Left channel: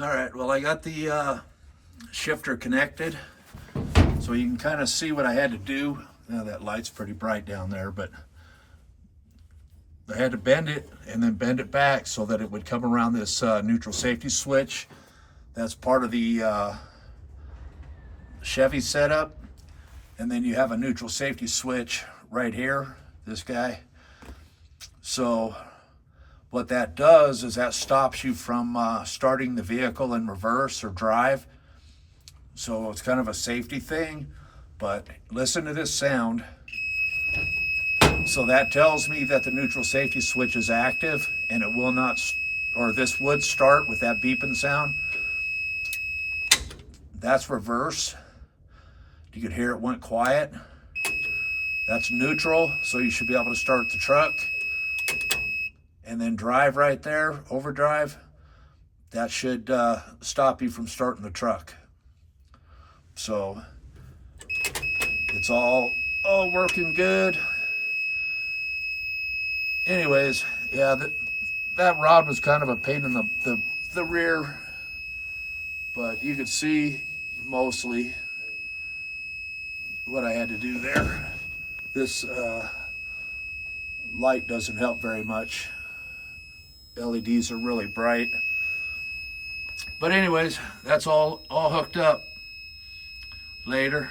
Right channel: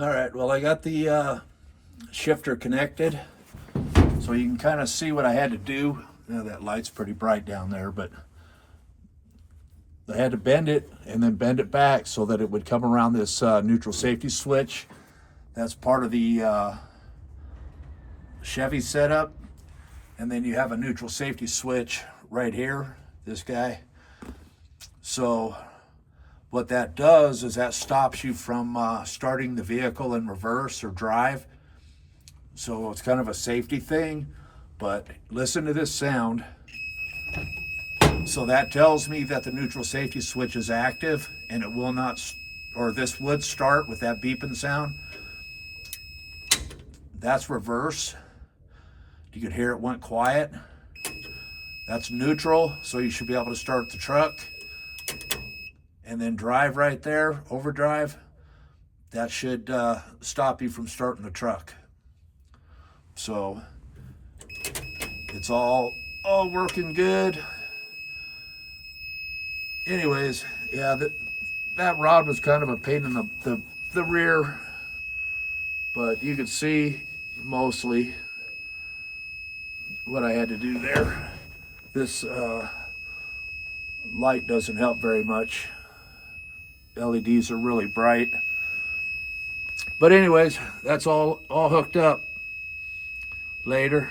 All right, well, I got the shifter connected, so you can kind of see what I had to do. Now that light's pretty bright down there, but I had to bend it and then bend it back so that it would come around this neutral safety switch. That's part of the Chevy setup. And then you have a neutral safety switch right here, this guy. So what that does is that stops you from starting the vehicle in reverse or drive. So it's kind of a safety thing, but listen to this sound. So that tells me that the neutral safety switch is active, and it will not, or this would start with that beeping sound. That's reverse. You could hear it went quiet. That's neutral, so you should be able to start the truck. And then drive right there, overdrive. That should stop you from starting the truck. So it's all working good. Anyways, yeah, that rod was kind of a pain in the rear, but you could see mostly what I had to do there. This light doesn't help very much. LEDs are really bright. But anyways, that's all hooked up. Later.